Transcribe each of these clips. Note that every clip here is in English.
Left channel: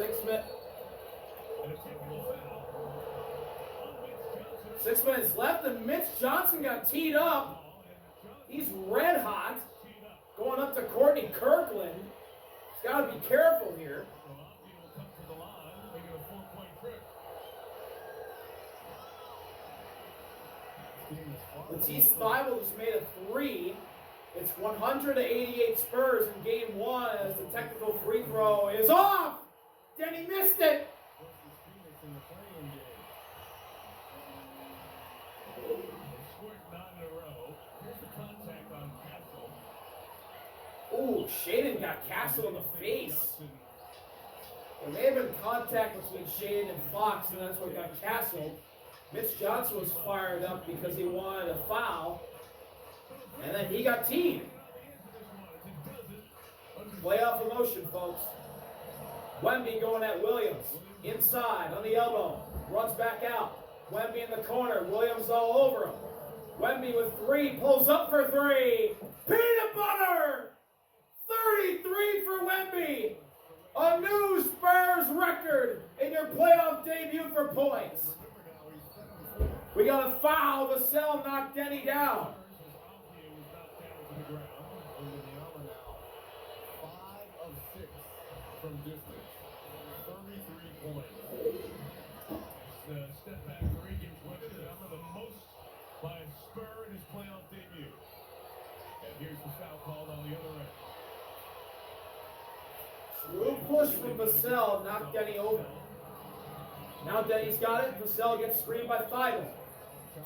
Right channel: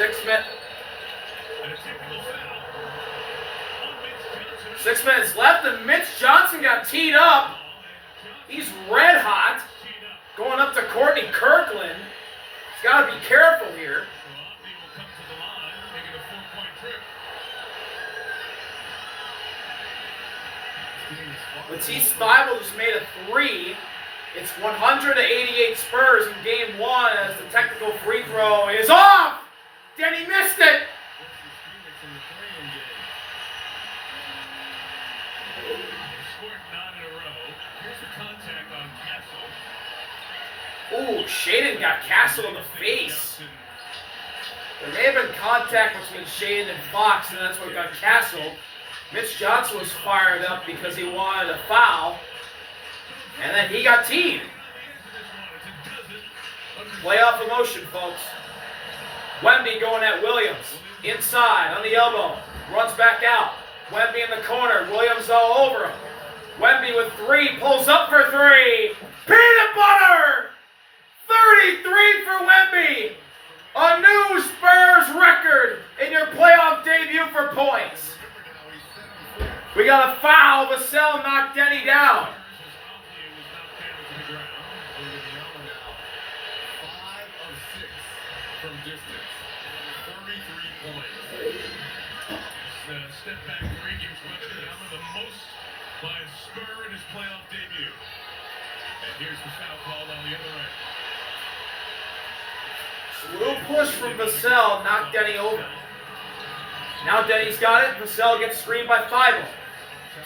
6 minutes left, and Mitch Johnson got teed up. He's red hot. Going up to Courtney Kirkland. He's got to be careful here. Matisse Thybulle just made a 3. It's 100-88 Spurs in game 1 as the technical free throw is off. Denny missed it. Ooh, Shaden got Castle in the face. There may have been contact between Shaden and Fox, and that's what got Castle. Mitch Johnson was fired up because he wanted a foul. And then he got teed. Playoff emotion, folks. Wemby going at Williams. Inside, on the elbow. Runs back out. Wemby in the corner. Williams all over him. Wemby with 3. Pulls up for 3. Peanut butter! 33 for Wemby. A new Spurs record in your playoff debut for points. We got a foul. Vassell knocked Denny down. From distance, 33 points. Step back 3 gives Webster the number the most by a Spur in his playoff debut. And here's the foul called on the other end. Little push from Vassell knocked Denny over. Now Denny's got it. Vassell gets screened by Thybulle.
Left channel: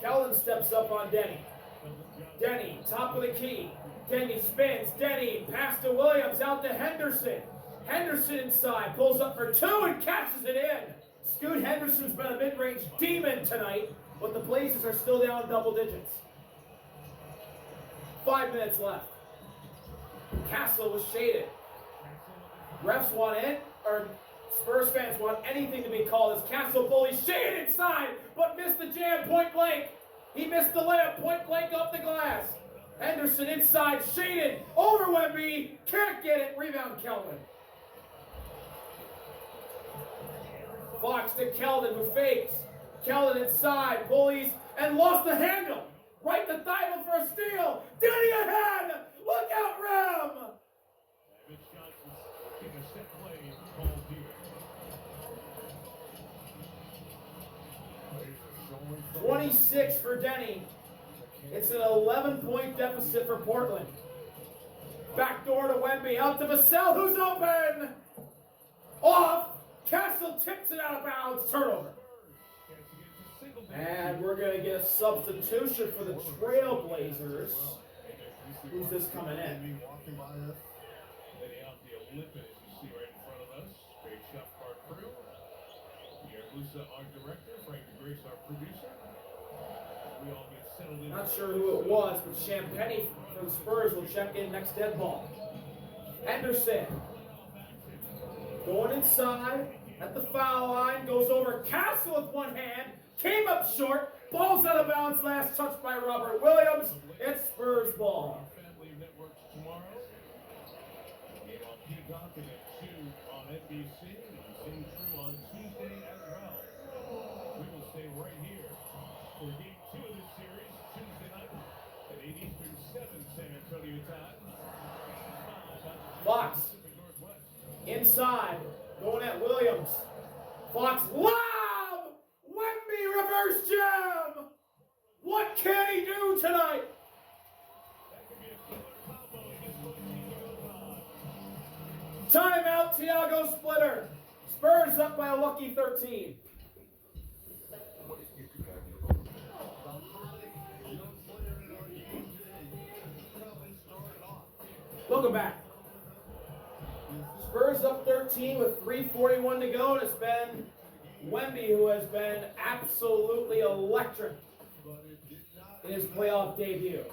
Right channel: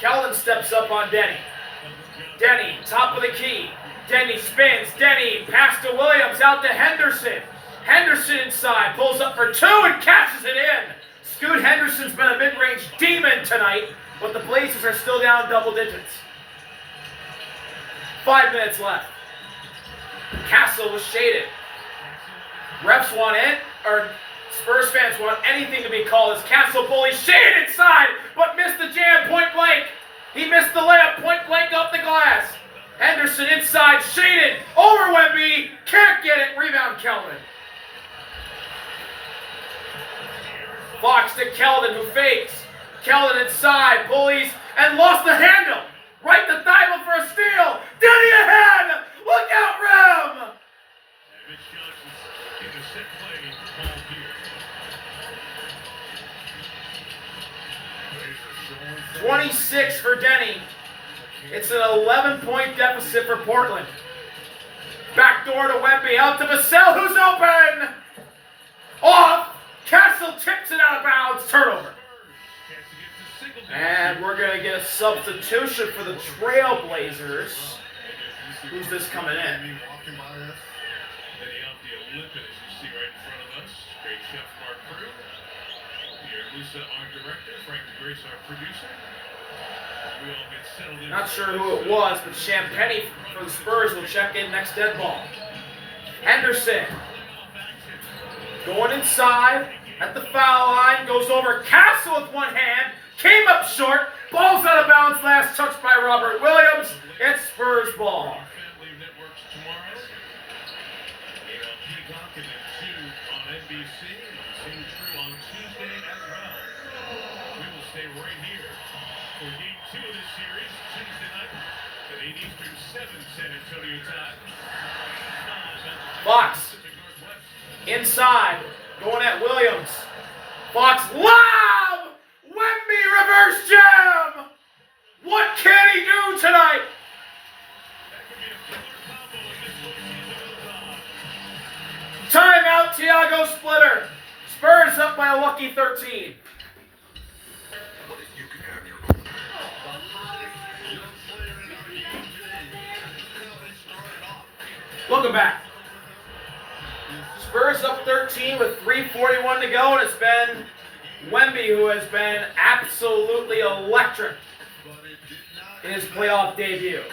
Kellen steps up on Denny. Denny, top of the key. Denny spins. Denny, pass to Williams, out to Henderson. Henderson inside, pulls up for 2 and catches it in. Scoot Henderson's been a mid-range demon tonight, but the Blazers are still down double digits. 5 minutes left. Castle was shaded. Refs want it, or Spurs fans want anything to be called as Castle bully shaded inside, but missed the jam point blank. He missed the layup point blank off the glass. Henderson inside, shaded, over Wemby, can't get it, rebound Keldon. Fox to Keldon, who fakes. Keldon inside, bullies, and lost the handle. Right to Thybulle for a steal. Denny ahead! Look out, Rem! 26 for Denny. It's an 11-point deficit for Portland. Backdoor to Wemby, out to Vassell, who's open! Off! Castle tips it out of bounds, turnover. And we're going to get a substitution for the Trailblazers. Who's this coming in? Not sure who it was, but Champagny for the Spurs will check in next dead ball. Henderson going inside at the foul line, goes over Castle with one hand, came up short, ball's out of bounds, last touch by Robert Williams. It's Spurs ball. Fox inside, going at Williams. Fox lob! Wemby reverse jam! What can he do tonight? Timeout, Tiago Splitter. Spurs up by a lucky 13. Welcome back. Spurs up 13 with 3:41 to go, and it's been Wemby who has been absolutely electric in his playoff debut.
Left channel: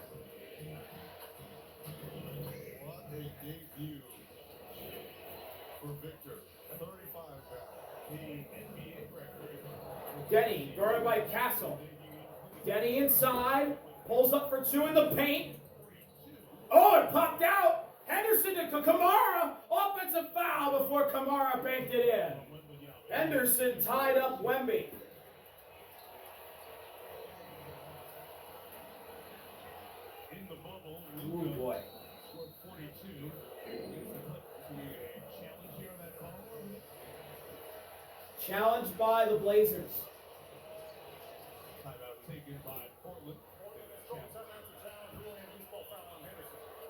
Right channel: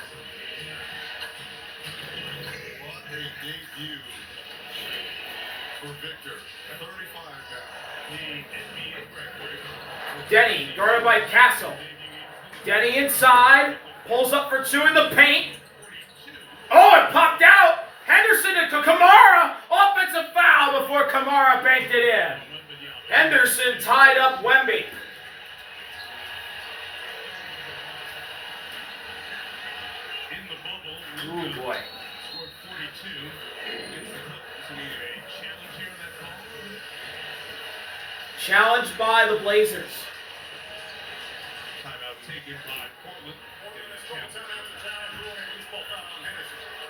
What a debut for Victor. 35 now. The NBA record. Denny, guarded by Castle. Denny inside, pulls up for 2 in the paint. Oh, it popped out. Henderson to Kamara. Offensive foul before Kamara banked it in. Henderson tied up Wemby. In the bubble, Ooh, boy. scored 42. So we have a challenge here on that call. Challenged by the Blazers. Timeout taken by Portland.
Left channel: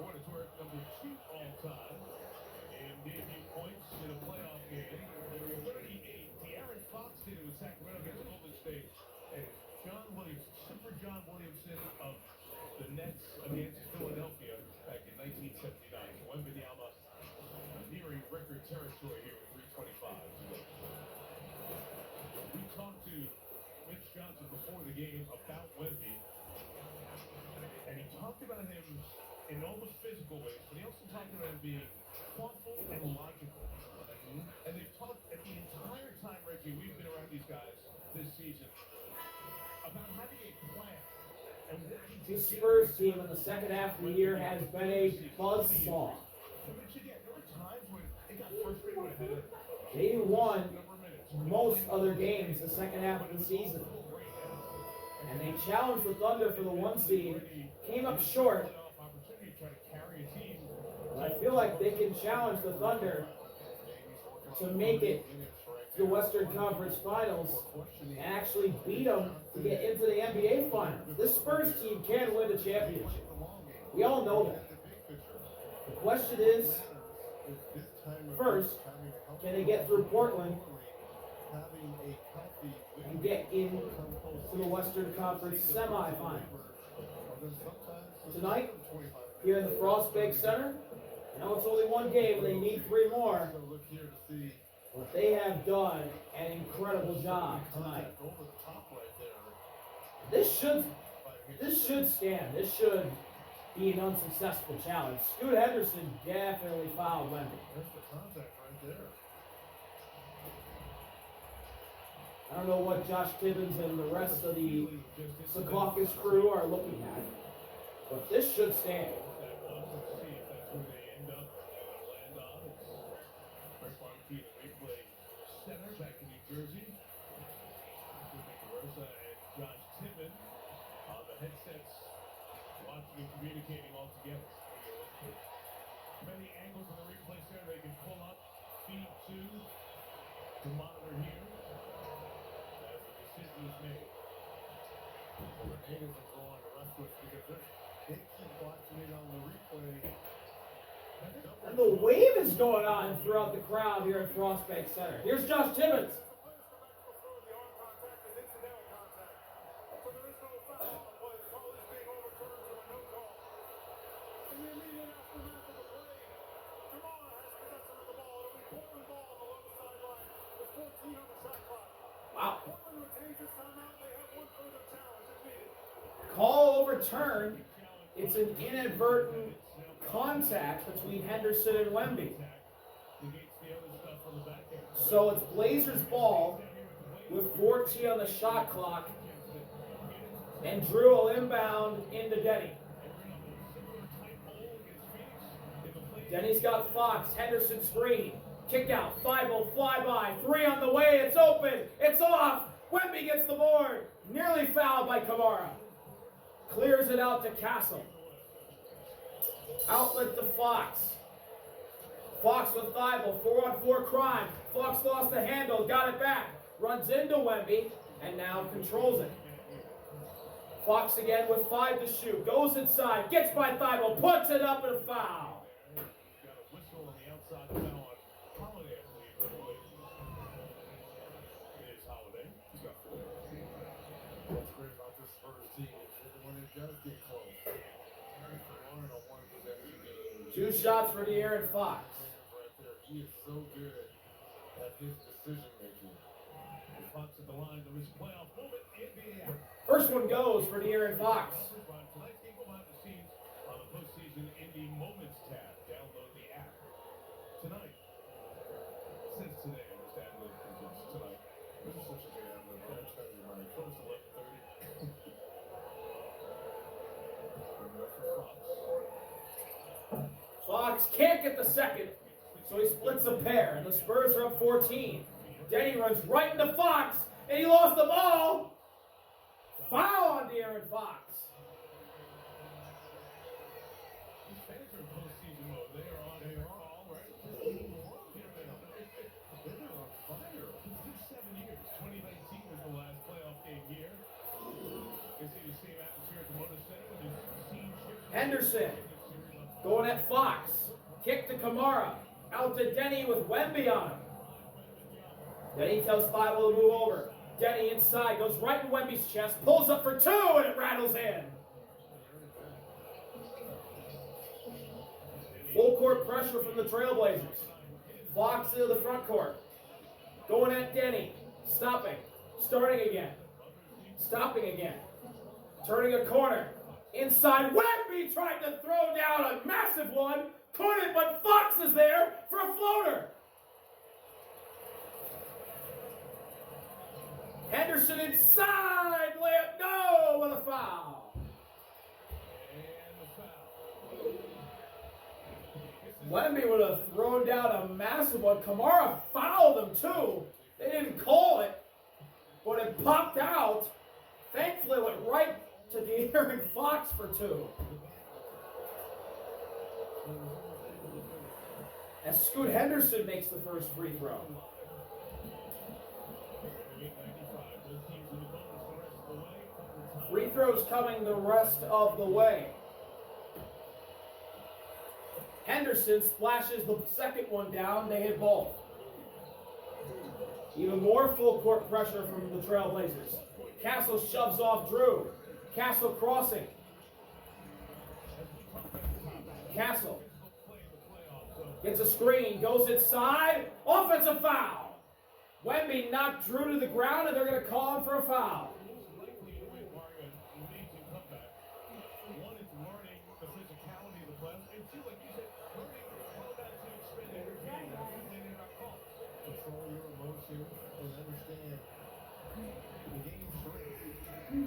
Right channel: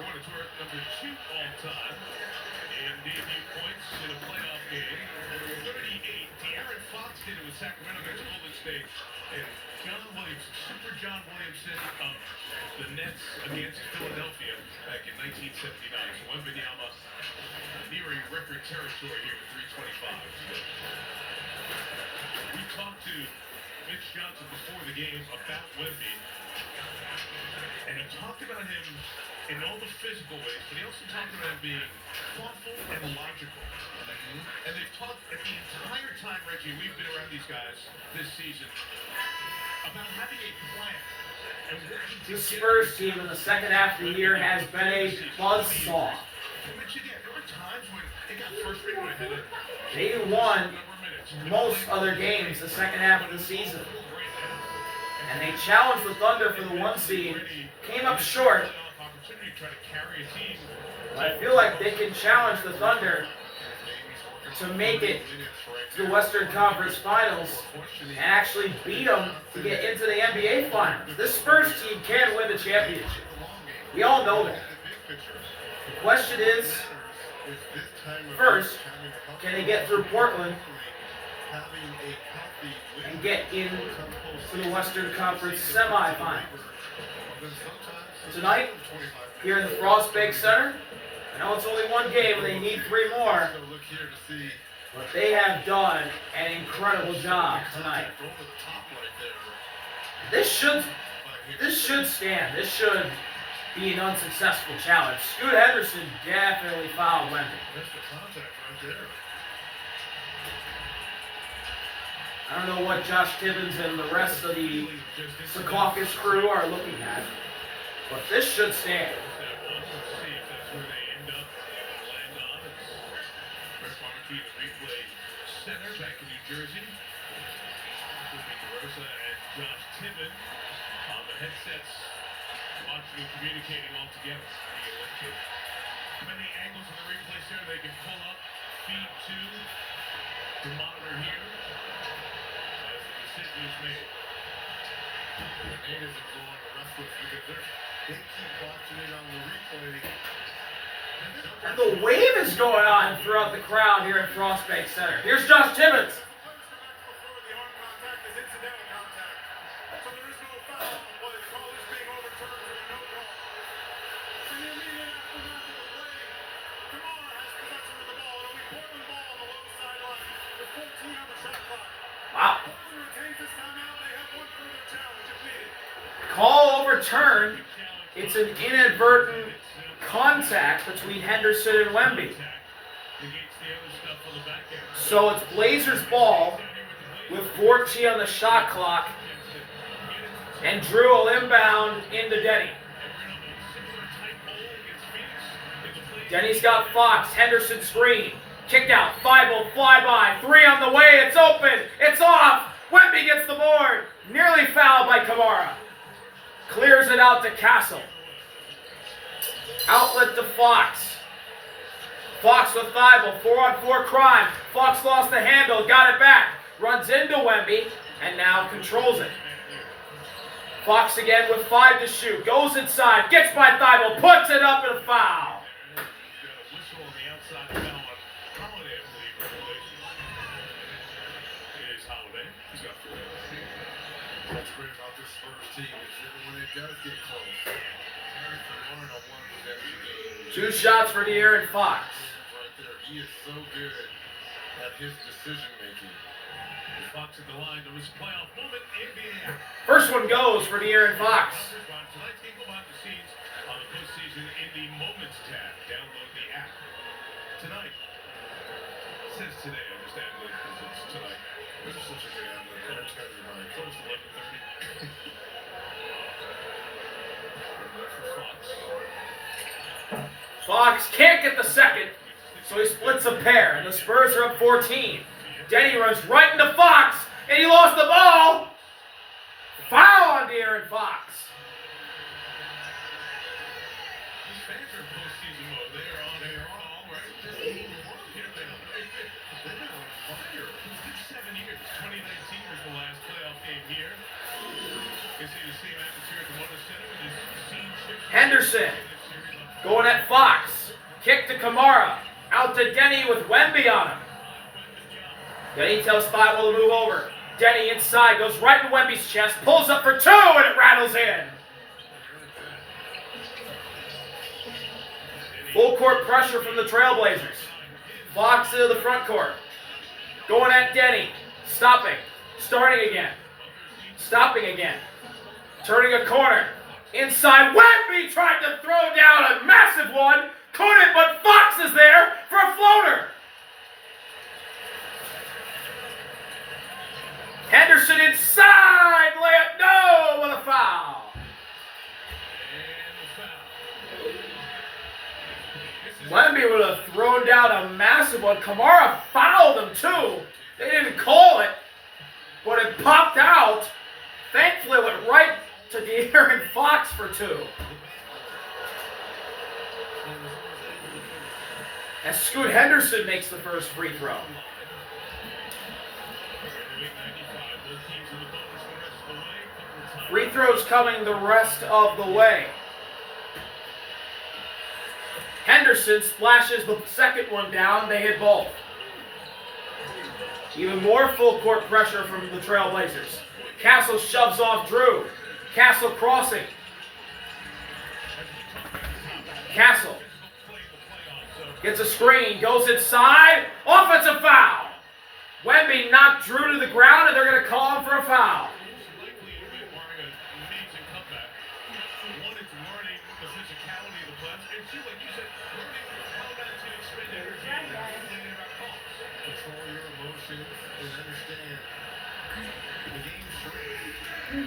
Going to tour number 2 all time in debut points in a playoff game. 38. De'Aaron Fox did it with Sacramento against Golden State. And John Williamson, Super John Williamson of the Nets against Philadelphia back in 1979. So Wembenyama nearing record territory here with 325. We talked to Mitch Johnson before the game about Wemby, and he talked about him in all the physical ways, but he also talked about him being thoughtful and logical. And they've talked at the entire time, Reggie, we've been around these guys this season, about having a plan. And The Spurs team in the second half of the year has been a buzzsaw. But again, there were times when they got frustrated when it had a They won most other games the second half of the season. And they challenged the Thunder for the 1 seed, came up short. But I feel like they can challenge the Thunder to make it to the Western Conference Finals and actually beat them to get into the NBA Finals. This Spurs team can win the championship. We all know that. The question is, first, can they get through Portland and get into the Western Conference semifinals? Tonight, here in the Frostbank Center, I know it's only one game and they need 3 more, but they have done an incredible job tonight. This should stand. This should be an unsuccessful challenge. Scoot Henderson definitely fouled Wemby. I don't know what Josh Tibbins and the rest of the Secaucus crew are looking at, but this should stand. Center back in New Jersey. Rosa and Josh Tibbin on the headsets, watching and communicating all together. Many angles on the replays there they can pull up, feed to the monitor here as the decision is made. The natives are going restless because they keep watching it on the replay. And the wave is going on throughout the crowd here at Frostbank Center. Here's Josh Tibbins. Wow. Call overturned. It's an inadvertent contact between Henderson and Wemby. So it's Blazers ball with 14 on the shot clock. And Drew will inbound into Denny. Denny's got Fox. Henderson screen. Kick out. 5-0 flyby. 3 on the way. It's open. It's off. Wemby gets the board. Nearly fouled by Kamara. Clears it out to Castle. Outlet to Fox. Fox with 5-0. 4-on-4 crime. Fox lost the handle. Got it back. Runs into Wemby. And now controls it. Fox again with 5 to shoot. Goes inside. Gets by Thibault. Puts it up and a foul. What's great about this Spurs team is that when it does get close, Arnold won every game. 2 shots for De'Aaron Fox. Right there, he is so good at his decision making. Fox at the line to his playoff moment in the air. First one goes for De'Aaron Fox. Tonight's game behind the scenes on the postseason in the Moments tab. Download the app tonight. It says today. I just added it because it's tonight. This is such a great ad. It's almost 11:30. Fox can't get the second, so he splits a pair, and the Spurs are up 14. Denny runs right into Fox, and he lost the ball. Foul on De'Aaron Fox. These fans are in postseason mode. They are on all right. Just they've been on fire. It's been 7 years. 2019 was the last playoff game here. You see the same atmosphere at the Motor Center with this scene shift. Henderson going at Fox. Kick to Kamara. Out to Denny with Wemby on him. Denny tells Thibault to move over. Denny inside, goes right in Wemby's chest, pulls up for 2, and it rattles in. Full court pressure from the Trailblazers. Fox into the front court. Going at Denny. Stopping. Starting again. Stopping again. Turning a corner. Inside, Wemby tried to throw down a massive one. Couldn't, but Fox is there for a floater. Henderson inside, layup, no, with a foul. Wemby would have thrown down a massive one. Kamara fouled him too. They didn't call it, but it popped out. Thankfully, it went right to De'Aaron Fox for 2. As Scoot Henderson makes the first free throw. Free throws coming the rest of the way. Henderson splashes the second one down. They hit both. Even more full court pressure from the Trailblazers. Castle shoves off Drew. Castle crossing. Castle gets a screen, goes inside. Offensive foul. Wemby knocked Drew to the ground, and they're going to call him for a foul.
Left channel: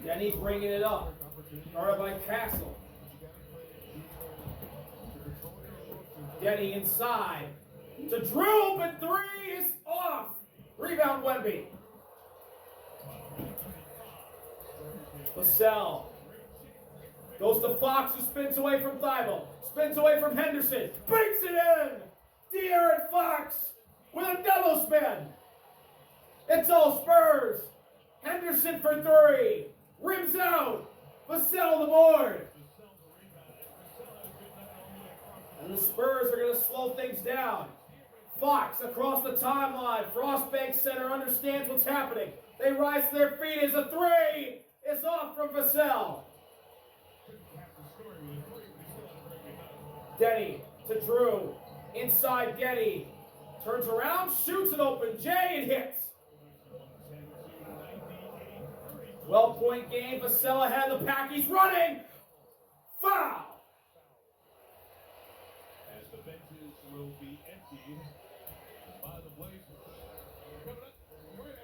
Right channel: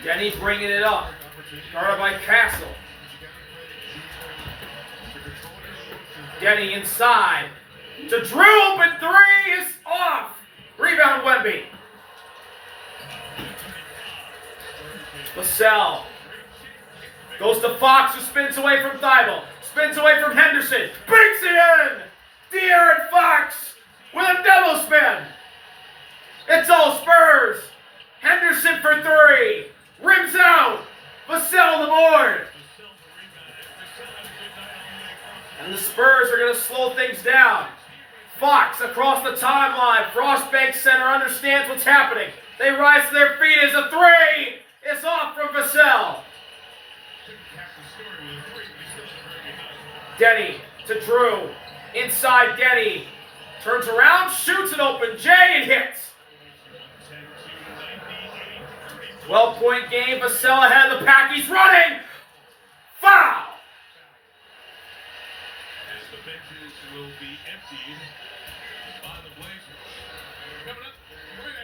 Denny's bringing it up. Guarded by Castle. Denny inside. To Drew, open 3 is off. Rebound Wemby. Vassell goes to Fox, who spins away from Thibault. Spins away from Henderson. Breaks it in. De'Aaron Fox with a double spin. It's all Spurs. Henderson for 3. Rims out. Vassell on the board. And the Spurs are going to slow things down. Fox across the timeline. Frostbank Center understands what's happening. They rise to their feet as a 3 is off from Vassell. Denny to Drew. Inside Denny. Turns around, shoots an open J and hits. 12-point game. Vassell ahead of the pack. He's running. Foul. As the benches will be emptied by the Blazers. Coming up.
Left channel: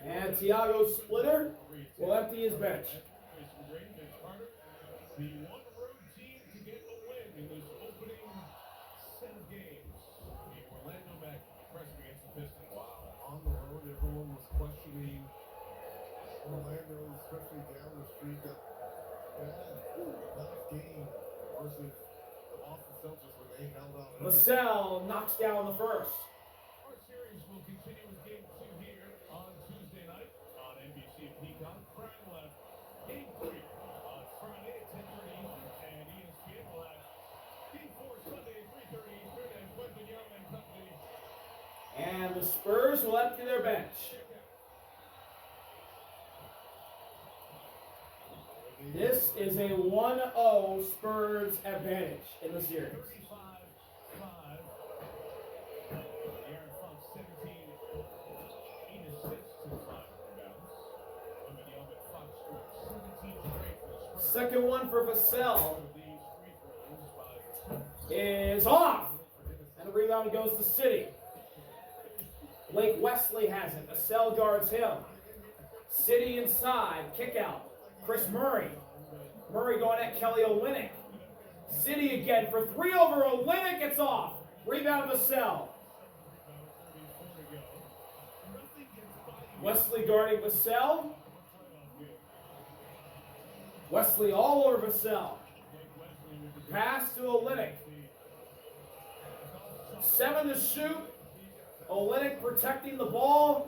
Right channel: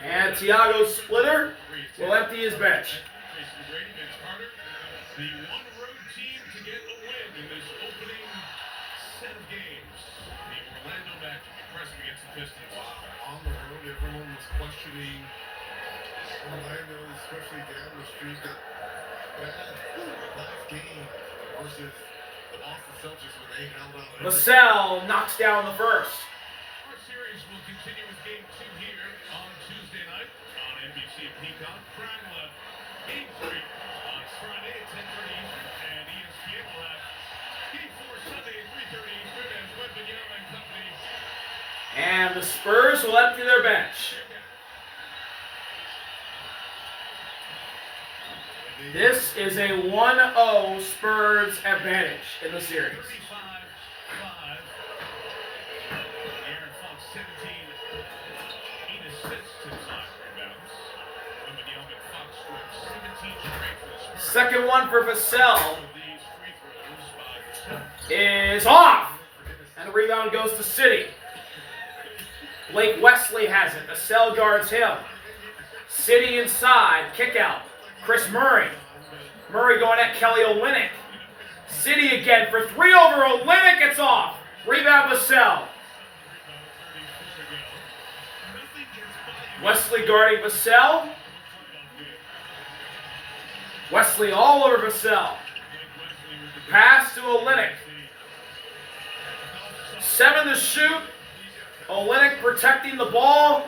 And Thiago Splitter will empty his bench. The one road team to get a win in this opening set of games. The Orlando Magic impressive against the Pistons. On the road, everyone was questioning Orlando, especially down the street, that last game versus the Boston Celtics when they held out. Vassell knocks down the first. Our series will continue with Game 2 here on Tuesday night on NBC Peacock. Prime left Game 3 on Friday at 10:30 Eastern, and ESPN will have Game 4 Sunday at 3:30 Eastern as Wemby and company. And the Spurs will empty their bench. This is a 1-0 Spurs advantage in the series. 35-5. Aaron Fox 17. 8 assists to 5 rebounds. Wemby and Fox scored 17 straight for the Spurs. Second one for Vassell These free throws by is off. And the rebound goes to City. Blake Wesley has it. Vassell guards him. City inside. Kick out. Chris Murray. Murray going at Kelly Olynyk. City again for 3 over Olynyk. It's off. Rebound Vassell. Wesley guarding Vassell. Wesley all over Vassell. Pass to Olynyk. 7 to shoot. Olynyk protecting the ball.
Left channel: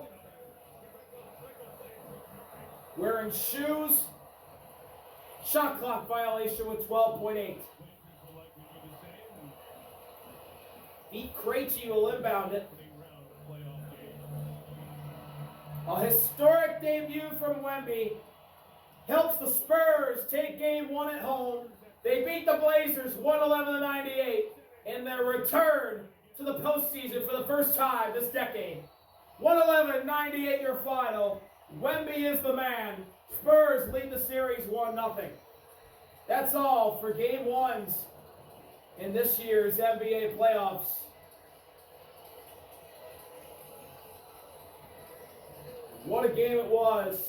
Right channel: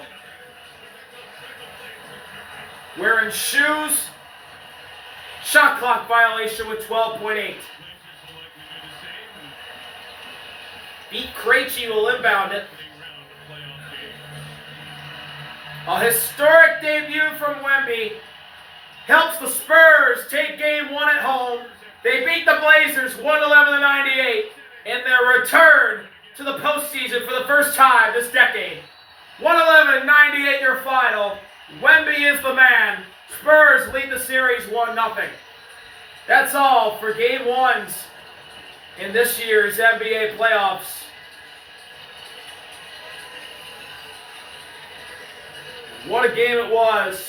Wearing shoes. Shot clock violation with 12.8. Pete Krejci will inbound it. A historic debut from Wemby helps the Spurs take game 1 at home. They beat the Blazers 111-98 in their return to the postseason for the first time this decade. 111-98 your final. Wemby is the man. Spurs lead the series 1-0. That's all for game 1s in this year's NBA playoffs. What a game it was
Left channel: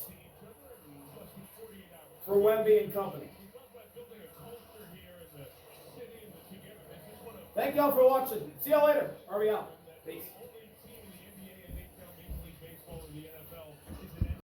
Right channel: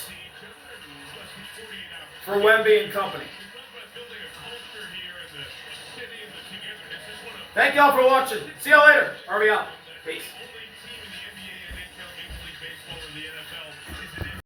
for Wemby and company. Thank y'all for watching. See y'all later. RV out. Peace.